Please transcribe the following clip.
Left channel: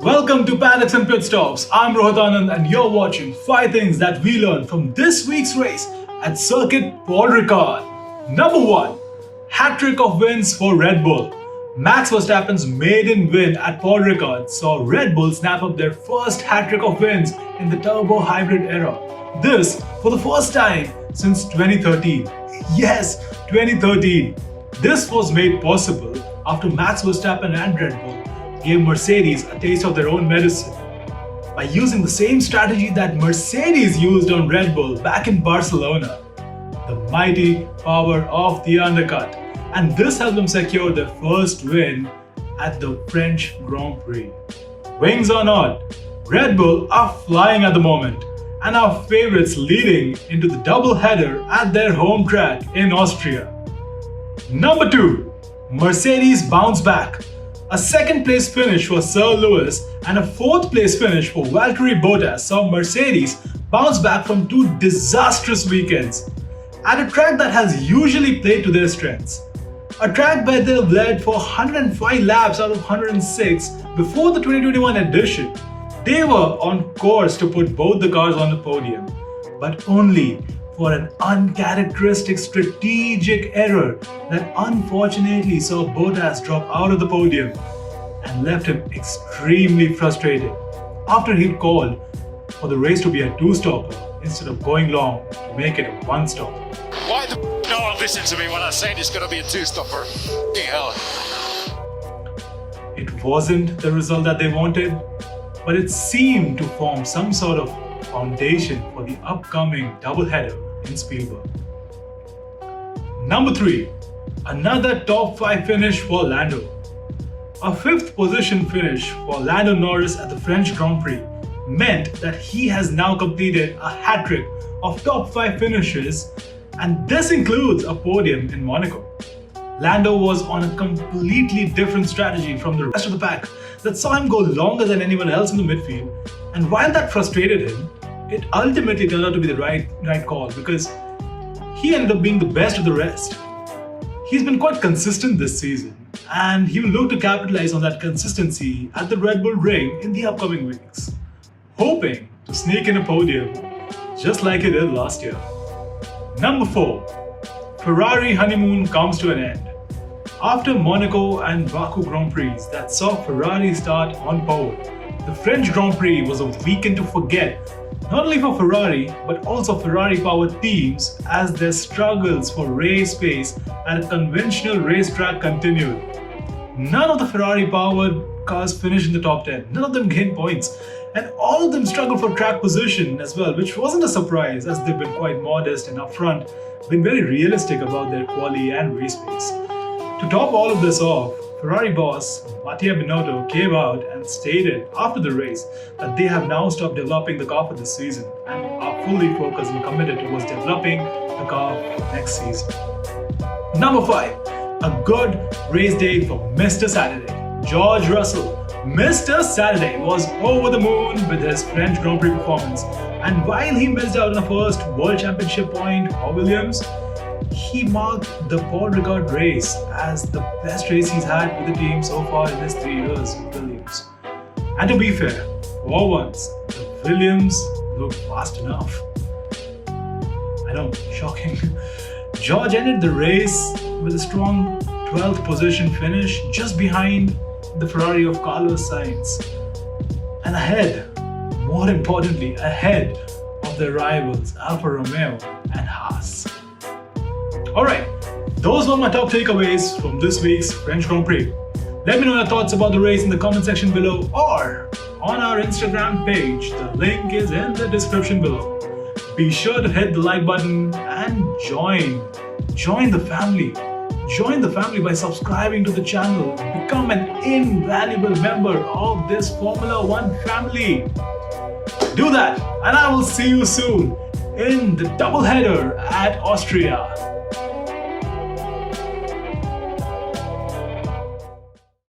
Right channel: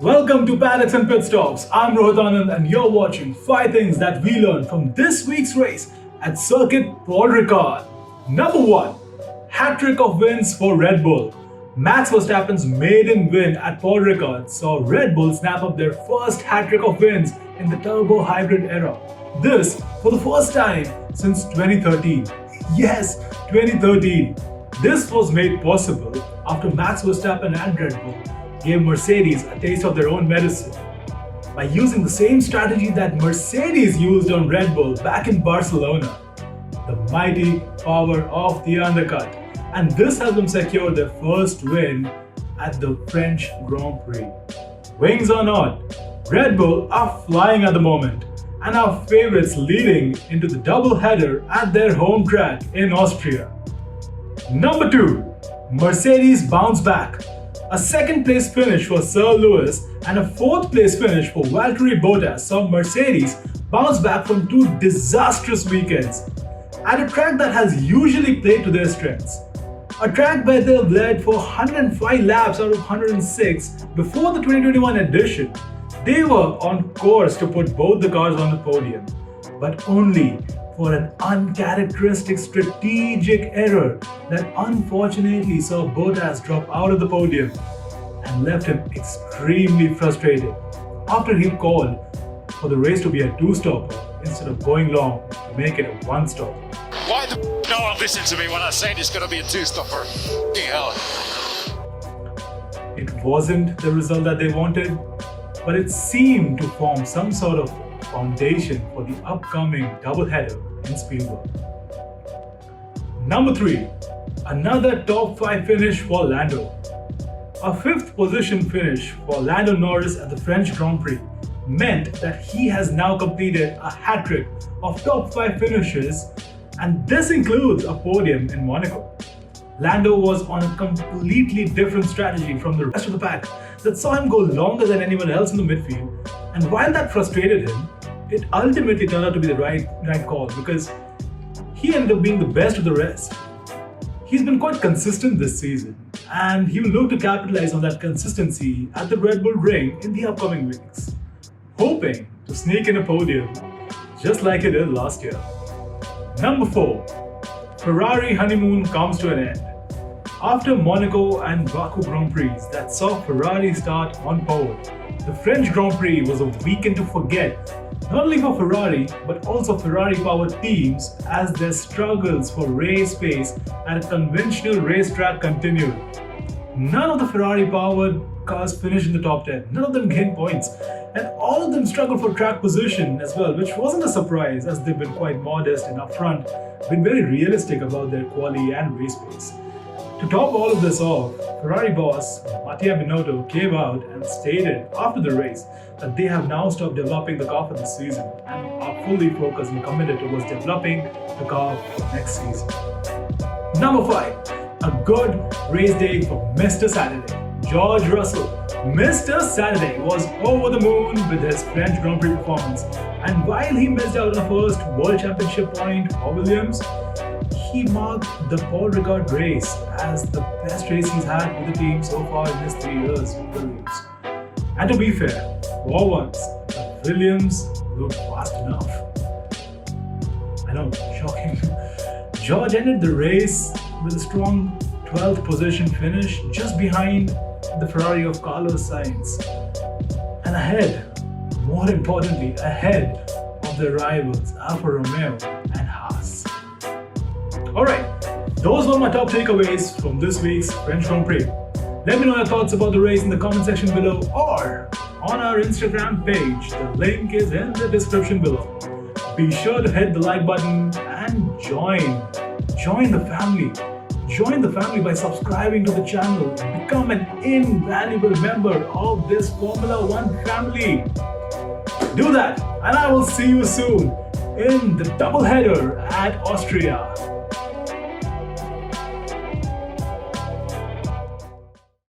Welcome to Paddocks and Pitstops. I'm Rohit Anand and you're watching 5 things that we learned from this week's race at Circuit Paul Ricard. Number 1. Hat-trick of wins for Red Bull. Max Verstappen's maiden win at Paul Ricard saw Red Bull snap up their first hat-trick of wins in the turbo hybrid era. This for the first time since 2013. Yes, 2013. This was made possible after Max Verstappen and Red Bull gave Mercedes a taste of their own medicine by using the same strategy that Mercedes used on Red Bull back in Barcelona, the mighty power of the undercut. And this helped them secure their first win at the French Grand Prix. Wings or not, Red Bull are flying at the moment and are favourites leading into the double-header at their home track in Austria. Number 2. Mercedes bounce back. A second-place finish for Sir Lewis and a fourth-place finish for Valtteri Bottas saw Mercedes bounce back from 2 disastrous weekends at a track that has usually played to their strengths. A track where they've led for 105 laps out of 106 before the 2021 edition. They were on course to put both the cars on the podium, but only for an uncharacteristic strategic error that unfortunately saw Bottas drop out of the podium and left him extremely frustrated after he called for the race to be a 2-stopper instead of going long to make it a 1-stopper. Why the no one listen to me when I say it's going to be a 2-stopper? Hell. It wasn't the result that they wanted, but it seemed to form some sort of foundation for the upcoming doubleheader in Spielberg. Number 3. Another top 5 finish for Lando. A 5th position finish for Lando Norris at the French Grand Prix meant that he has now completed a hat-trick of top 5 finishes, and this includes a podium in Monaco. Lando was on a completely different strategy from the rest of the pack that saw him go longer than anyone else in the midfield, and while that frustrated him, it ultimately turned out to be the right call because he ended up being the best of the rest. He's been quite consistent this season and he will look to capitalize on that consistency at the Red Bull ring in the upcoming weeks, hoping to sneak in a podium just like he did last year. Number 4. Ferrari honeymoon comes to an end. After Monaco and Baku Grand Prix that saw Ferrari start on pole, the French Grand Prix was a weekend to forget, not only for Ferrari but also Ferrari-powered teams as their struggles for race pace at a conventional racetrack continued. None of the Ferrari-powered cars finished in the top 10, none of them gained points, and all of them struggled for track position as well, which wasn't a surprise as they've been quite modest and upfront, been very realistic about their quality and race pace. To top all of this off, Ferrari boss Mattia Binotto came out and stated after the race that they have now stopped developing the car for this season and are fully focused and committed towards developing the car for next season. Number 5. A good race day for Mr. Saturday. George Russell, Mr. Saturday, was over the moon with his French Grand Prix performance, and while he missed out on the first World Championship point for Williams, he marked the Paul Ricard race as the best race he's had with the team so far in his 3 years with Williams. And to be fair, for once, the Williams looked fast enough. I know, shocking. George ended the race with a strong 12th position finish just behind the Ferrari of Carlos Sainz. And ahead, more importantly, ahead of their rivals Alfa Romeo and Haas. Alright, those were my top takeaways from this week's French Grand Prix. Let me know your thoughts about the race in the comment section below or on our Instagram page. The link is in the description below. Be sure to hit the like button and join the family. Join the family by subscribing to the channel. Become an invaluable member of this Formula 1 family. Do that and I will see you soon in the doubleheader at Austria.